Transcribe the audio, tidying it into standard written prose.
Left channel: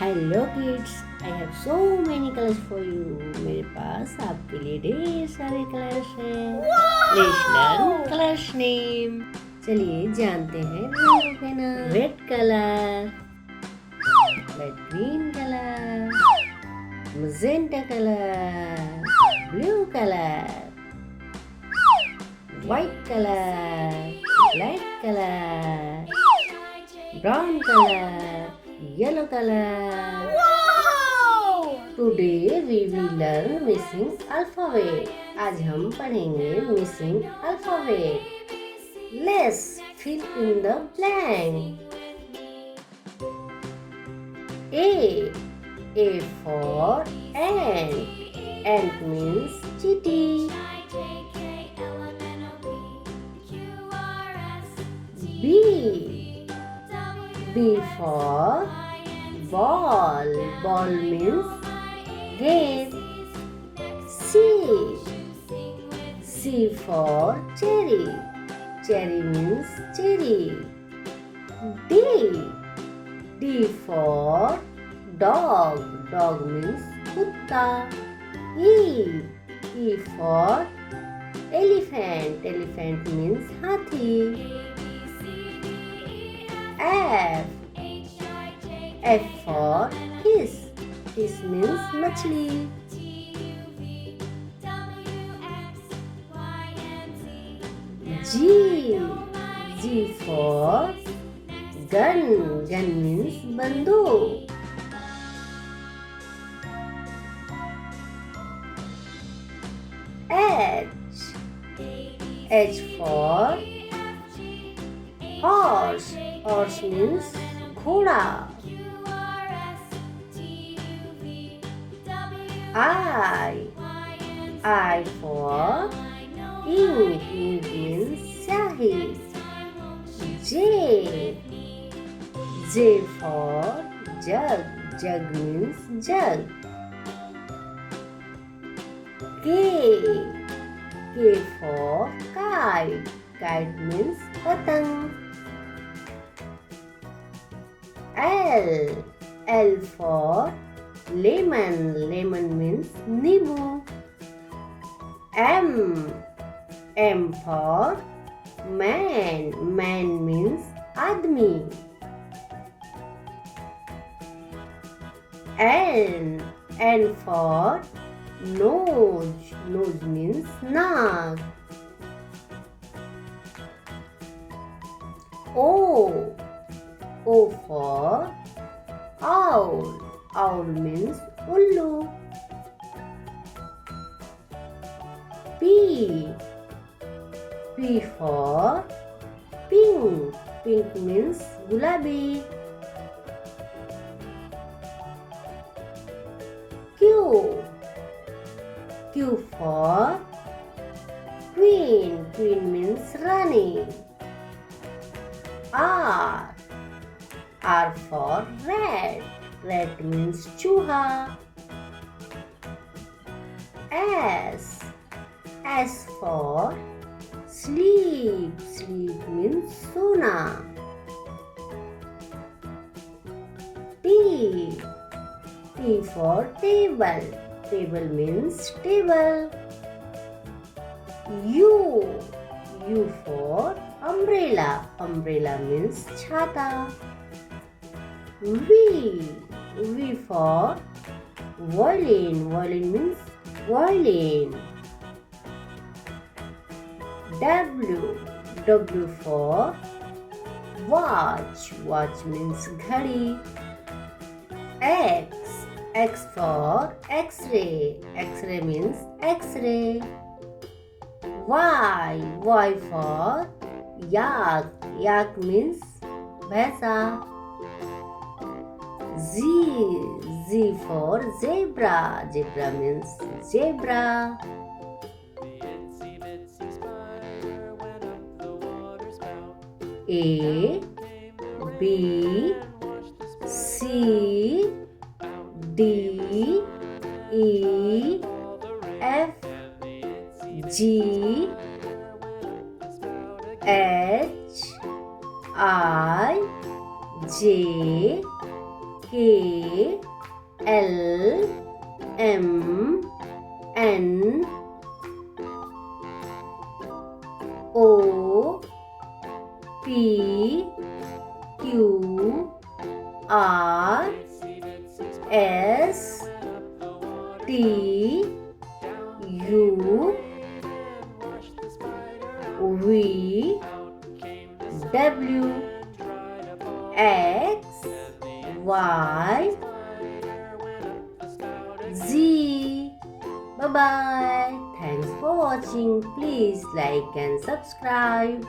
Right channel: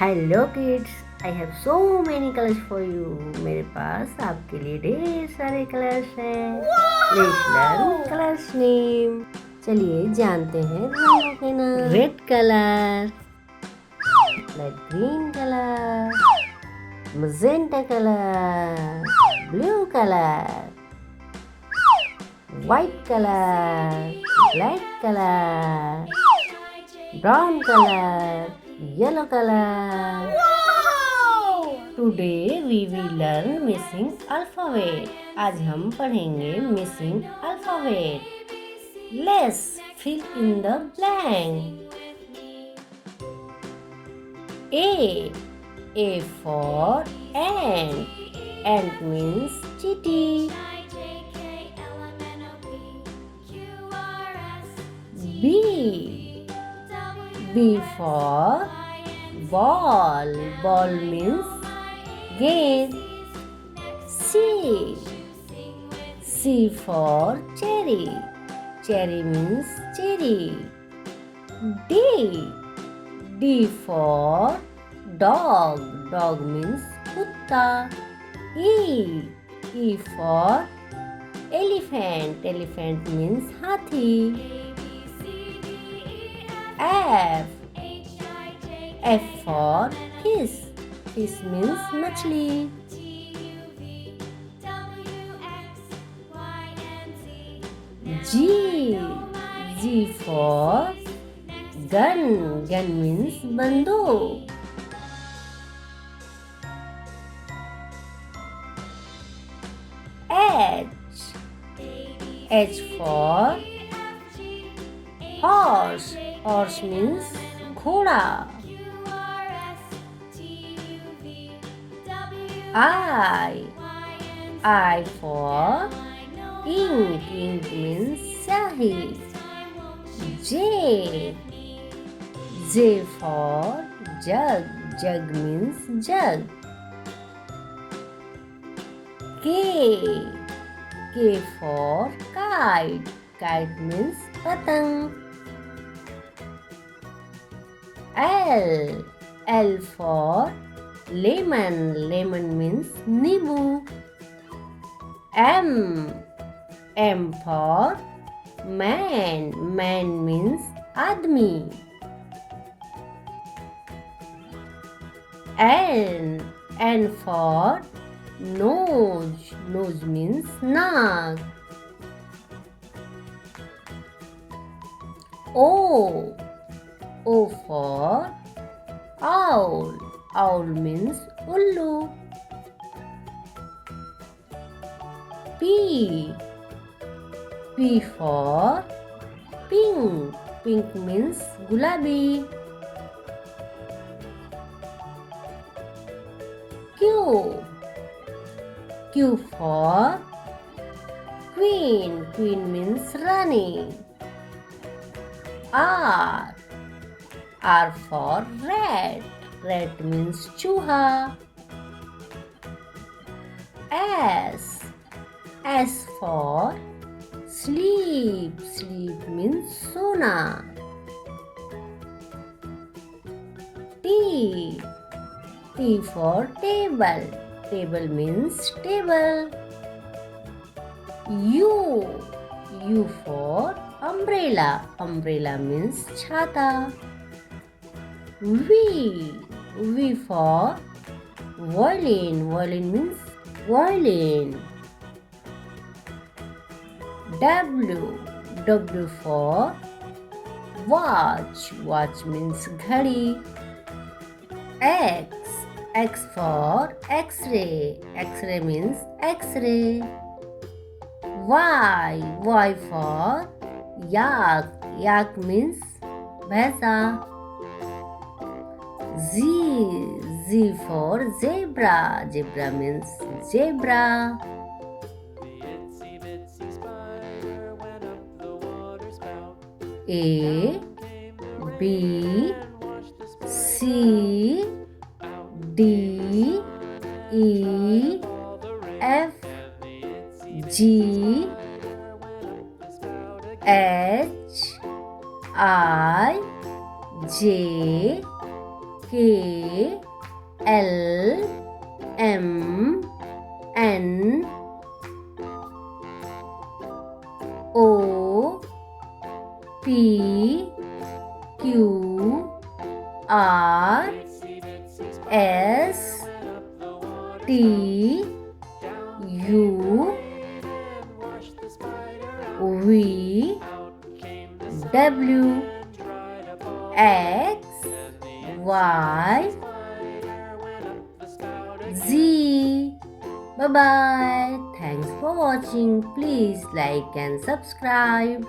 Hello kids, I have so many colours for you. मेरे पास आपके लिए ढेर सारे कलर्स हैं। Let's learn colours name. चलिए जानते हैं रंगों के नाम। Red colour, light green colour, magenta colour, blue colour, white colour, black colour, brown colour, yellow color. Today we will learn missing alphabet. आज हम पढ़ेंगे missing alphabet. Let's fill in the blank. A for ant. Ant means chitty. B for ball. Ball means game. C for cherry. Cherry means cherry. D for dog. Dog means kutta. E for elephant. Elephant means hathi. F for fish. Fish means machli. G for gun. Gun means bantu. H for horse. Horse means ghoda. I for ink. Ink means syahi. J for jug. Jug means jug. K for kite. Kite means patang. L for lemon. Lemon means nibu. M for man. Man means admi. N for nose. Nose means nag. O for owl. Owl means ullu. P for pink. Pink means gulabi. Q for queen. Queen means rani. R for rat. Rat means chuha. S for sleep. Sleep means sona. T for table. Table means table. U for umbrella. Umbrella means chhata. V for violin. Violin means violin. W for watch. Watch means ghadi. X for X-ray. X-ray means X-ray. Y for yak. Yak means bhaisa. Z for zebra. Zebra means zebra. A B C D E F G H I J K L M N O P Q R S T U V W X Y Z. Bye bye. Thanks for watching. Please like and subscribe.